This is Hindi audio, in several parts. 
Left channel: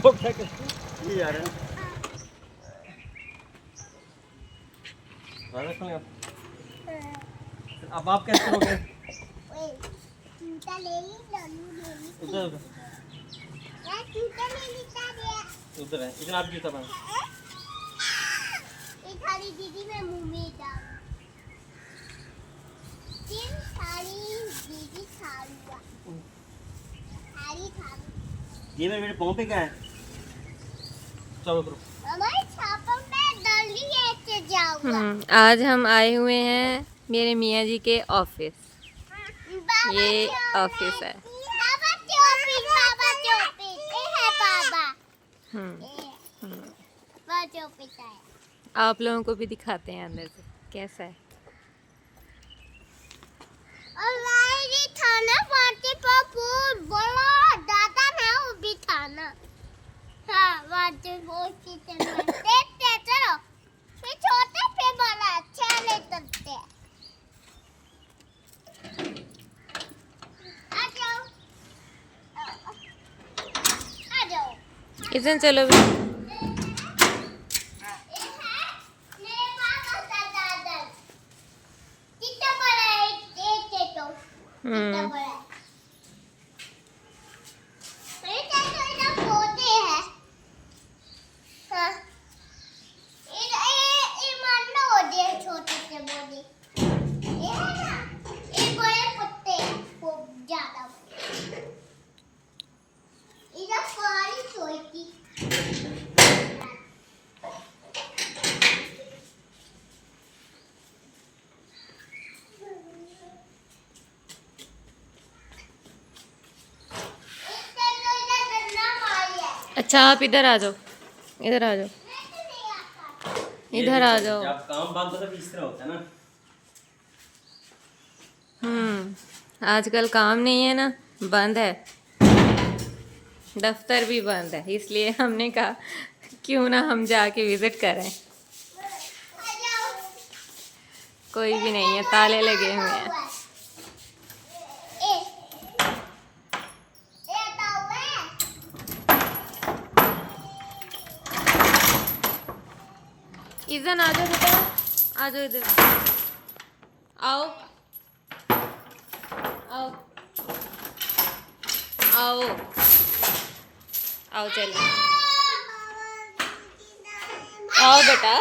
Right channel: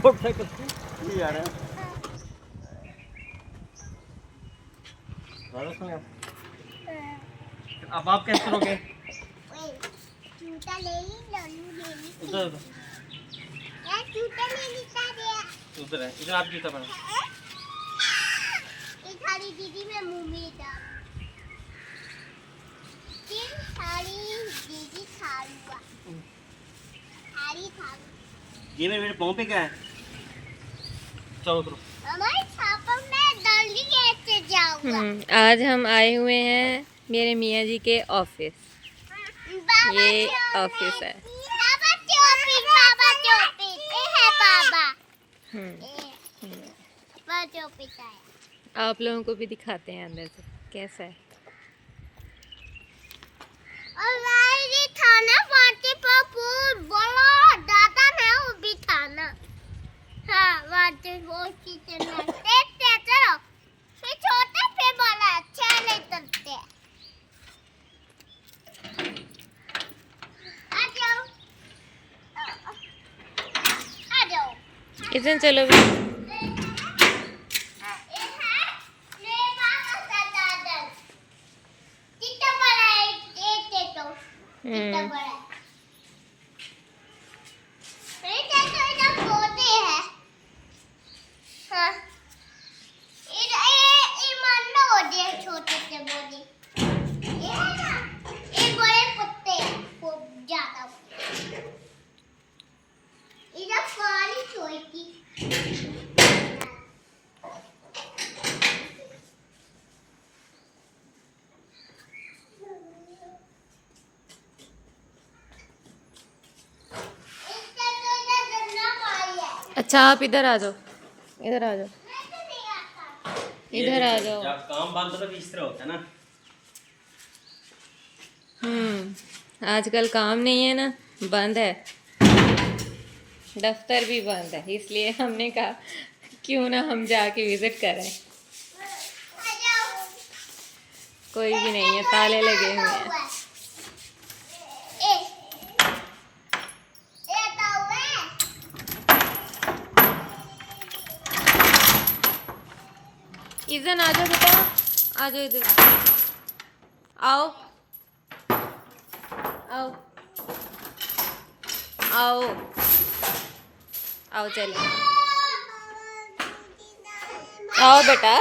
अब आप कैसे करोगे? जूता ले ली, लालू ले ली। उधर उधर यार जूता ले ली तारे। उधर है, इधर आप जूता पहनो। ये थाली दीदी मैं मुंह में डाल। तीन थाली दीदी थालुआ। थाली थालू। ये मेरे पाँव पे क्या है? चलो करो। हमारे छापा में जल्दी ऐसे जाऊंगा। आज हम आए हुए हैं मेरे मियाँ जी के ऑफिस। ये ऑफिस है। बाबा चौपीस, बाबा चौपीस। ये है बाबा। बाबा चौपीस आया। आप लोगों को भी दिखाते हैं अंदर से कैसा है। और ये थाना वाटे पर बहुत बड़ा दादा है, वो भी थाना। हाँ वाटे वो किचन में। देखते चलो। फिर छोटा पे बड़ा अच्छा ले चलते हैं। आ जाओ। आ जाओ। किचन चलो भी। छोटे से बोले ये है ना, ये बड़े कुत्ते हैं, वो ज्यादा इधर पानी छोटी। अच्छा आप इधर आ जाओ, इधर आ जाओ, इधर आ जाओ। जब काम बंद होता है इस तरह होता है ना। आजकल काम नहीं है ना, बंद है, दफ्तर भी बंद है, इसलिए हमने कहा क्यों ना हम जाके विजिट करें। कोई भी नहीं है, ताले लगे हुए हैं। इधर आ जाओ बेटा, आ जाओ इधर, आओ आओ आओ आओ, चलो आओ बेटा।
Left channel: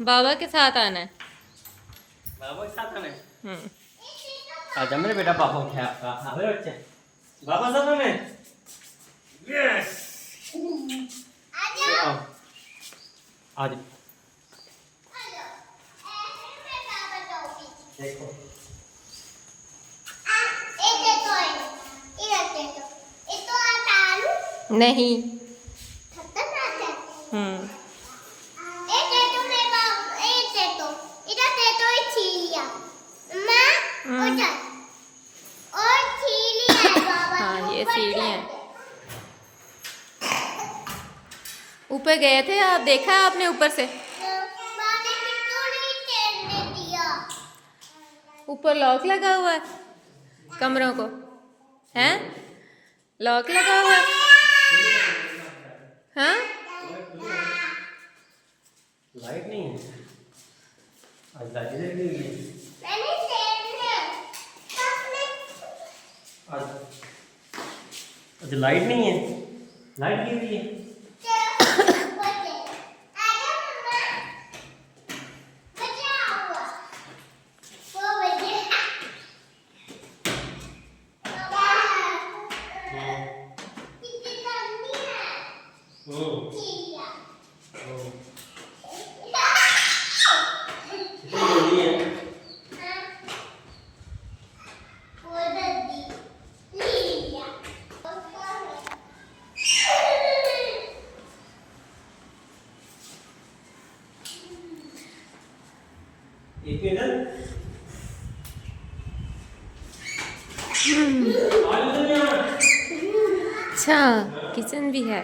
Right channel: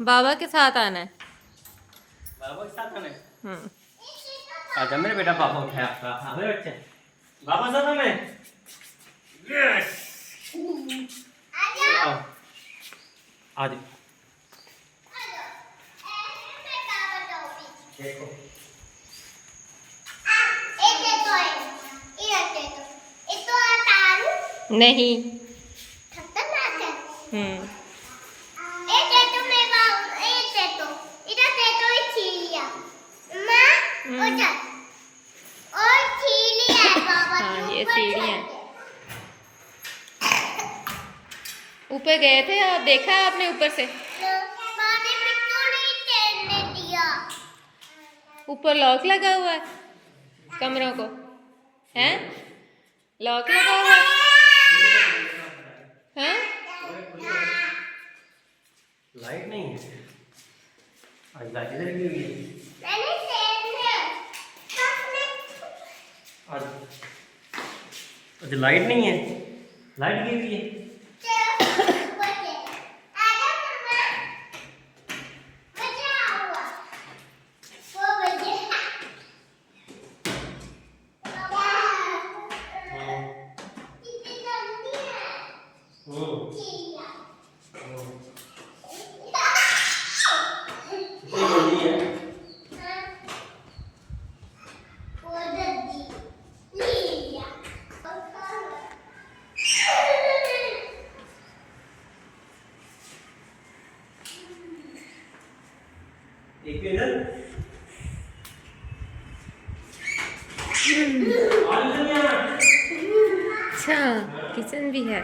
बाबा के साथ आना है। बाबा के साथ आना है। आजा मेरे बेटा, पापा उठाए आपका। हाँ मेरे बच्चे, बाबा साथ आना है। यस आओ आ जाओ। देखो नहीं। हाँ ये सीढ़ियाँ ऊपर गए थे आप, देखा है आपने ऊपर से? ऊपर लॉक लगा हुआ है कमरों को, हैं? लॉक लगा हुआ है, हाँ? लाइट नहीं है आज, लाइट लगी हुई है आज। आज लाइट नहीं है, लाइट गई हुई है। एक इधर अच्छा किचन भी है।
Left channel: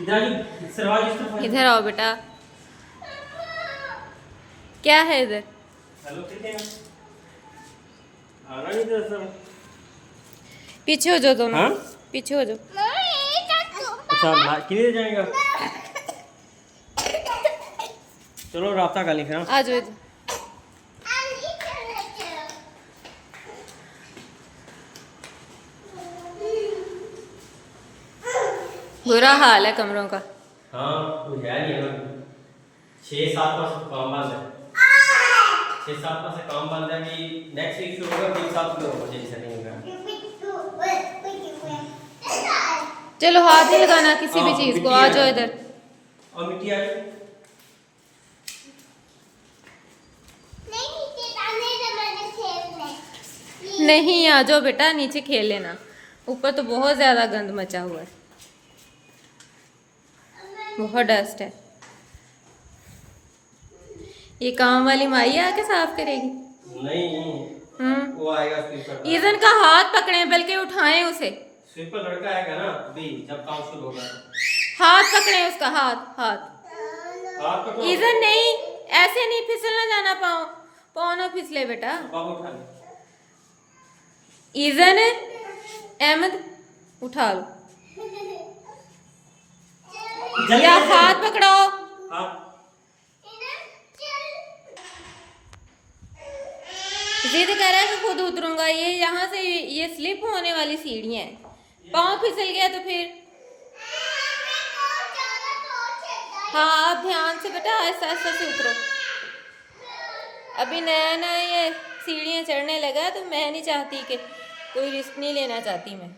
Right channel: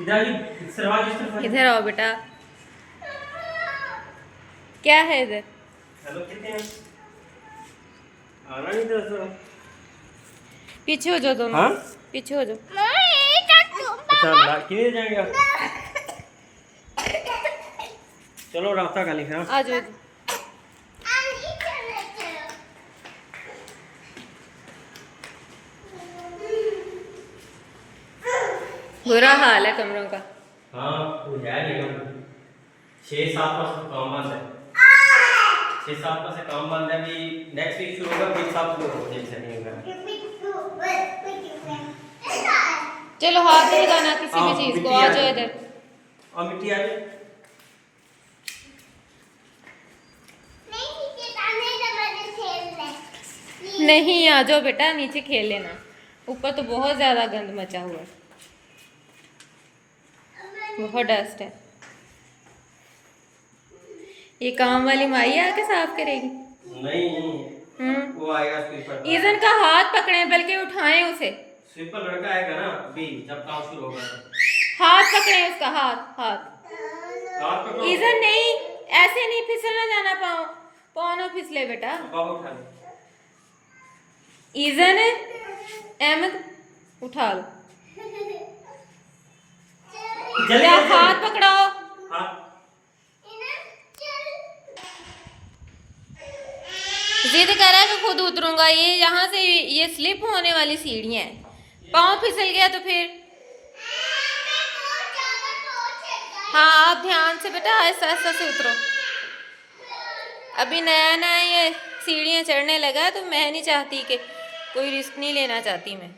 इधर आइए, सरवार इस तरफ। इधर आओ बेटा। क्या है इधर? हेलो कितने हैं? आना नहीं था सर। पीछे हो जाओ दोनों। हाँ? पीछे हो जाओ। अच्छा किधर जाएगा? चलो रास्ता का लिखना। आ जाओ इधर। बुरा हाल है कमरों का। हाँ तो है नहीं ना। 6-7 माह से काम बंद है। 6-7 माह से काम बंद है। अभी नेक्स्ट वीक शुरू होगा, फिर 7 को हो जाएगी सेटिंग होगा। चलो हाथ नहीं लगाना किसी भी चीज को। आ जाओ इधर। और मिट्टी आ जाए। नहीं आ जाओ बेटा, नीचे खेल लेना। ऊपर तो बहुत ज्यादा गंद मचा हुआ है, बहुत डस्ट है। ये काम वाली माई आके साफ करेगी? नहीं वो आएगा स्वीपर। ईजन का हाथ पकड़े, बल्कि उठाएं उसे। स्वीपर लड़का आएगा ना अभी जब काम शुरू होगा तो। हाथ पकड़े उसका, हाथ हाथ। हाथ पकड़ो। ईजन नहीं, ऐसे नहीं फिसलना जाना। पाँव पाँव ना फिसले बेटा। बाबू उठा ले। ईजन अहमद उठा लो। जल्दी या जल्दी। हाथ पकड़ाओ। हाँ जिद कर रहा है कि खुद उतरूंगा। ये यहाँ से ये स्लिप होने वाली सीढ़ियाँ हैं, पाँव फिसल गया तो फिर। हाँ आप ध्यान से बेटा, आहिस्ता आहिस्ता से उतरो। अभी नया नया ये सीढ़ियाँ चढ़ने लगा है, तो मैं नहीं चाहती कि कोई रिस्क नहीं लेना चाहती मैं।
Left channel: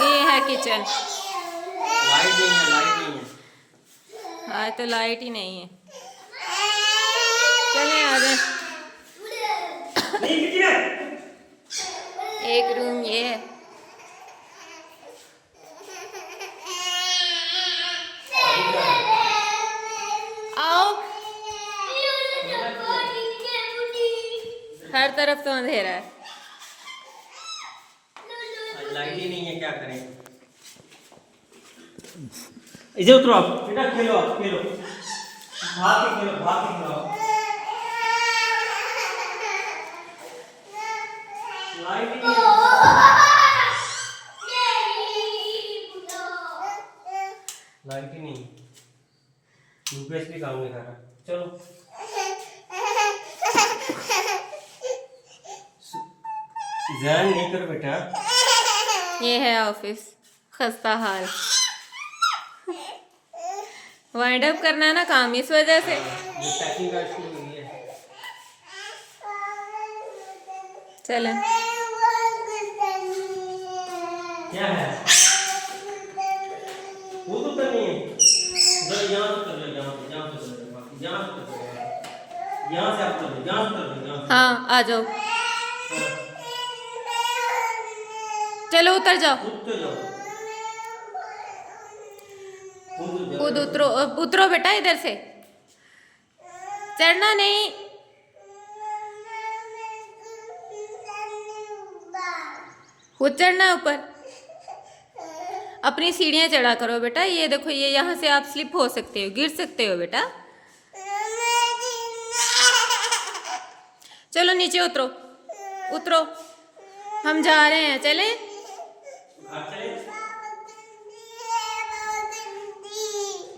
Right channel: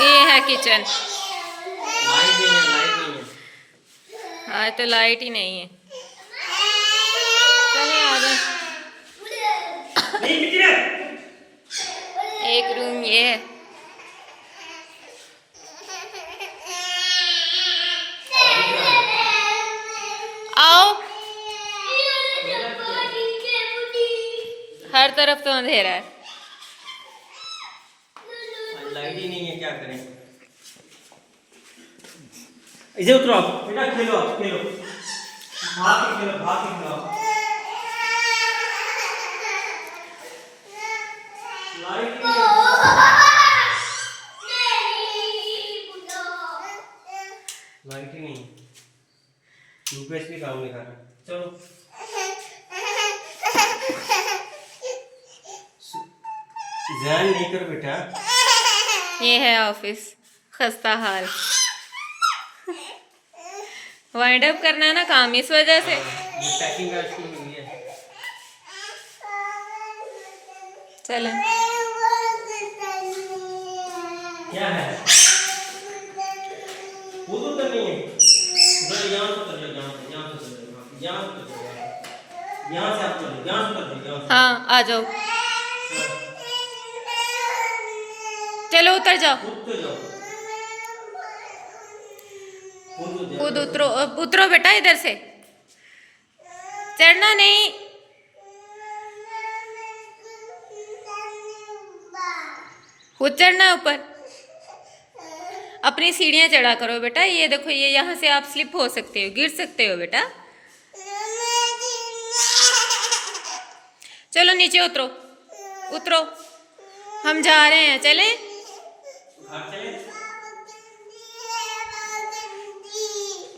ये है किचन। लाइट नहीं है, लाइट नहीं है। आज तो लाइट ही नहीं है। चलिए आ जाओ। नहीं कितने? एक रूम ये है। आओ। हर तरफ तो अंधेरा है। लाइट ही नहीं है, क्या करें? इधर उतरो आप बेटा, खेलो आप खेलो। भाग के खेलो, भाग के खेलो। लाइट ही नहीं है। लाइट ही नहीं है। यूपीएस भी काम नहीं कर रहा। चलो ध्यान नहीं कर बेटा। ये है ऑफिस, खस्ता हाल। वाइंड अप करना है ना काम, इस वजह से। ये पैकिंग का शुरू हुई है। चलें। क्या है? वो तो नहीं है। उधर यहाँ से कर लो, यहाँ से कर लो, यहाँ से कर लो, यहाँ से आप कर लो, यहाँ से कर लो, यहाँ से। हाँ आ जाओ। चलो उतर जाओ। उतर जाओ। खुद उतरो, उतरो बेटा इधर से। चढ़ना नहीं। खुद चढ़ना है ऊपर। अपनी सीढ़ियाँ चढ़ा करो बेटा। ये देखो, ये यहाँ से आप स्लिप हो सकते हो, गिर सकते हो बेटा। चलो नीचे उतरो, उतरो। हम जा रहे हैं, चले।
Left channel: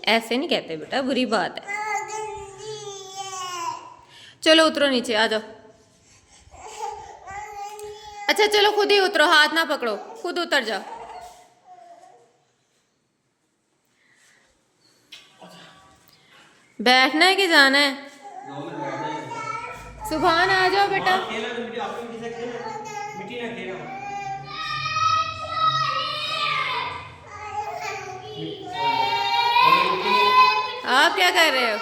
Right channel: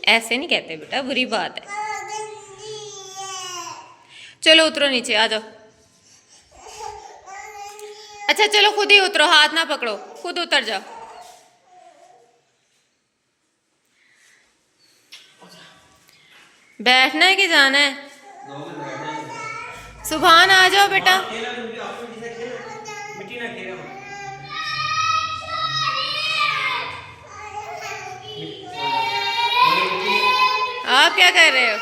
ऐसे नहीं कहते बेटा, बुरी बात है। चलो उतरो नीचे, आ जाओ। अच्छा चलो खुद ही उतरो, हाथ ना पकड़ो, खुद उतर जाओ। बैठना है कि जाना है? सुभान आ जाओ बेटा। मिट्टी ना खेलो। आप क्या कर रहे हो?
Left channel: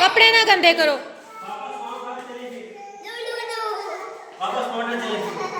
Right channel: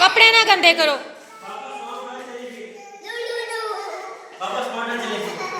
कपड़े ना गंदे करो। वाटर चाहिए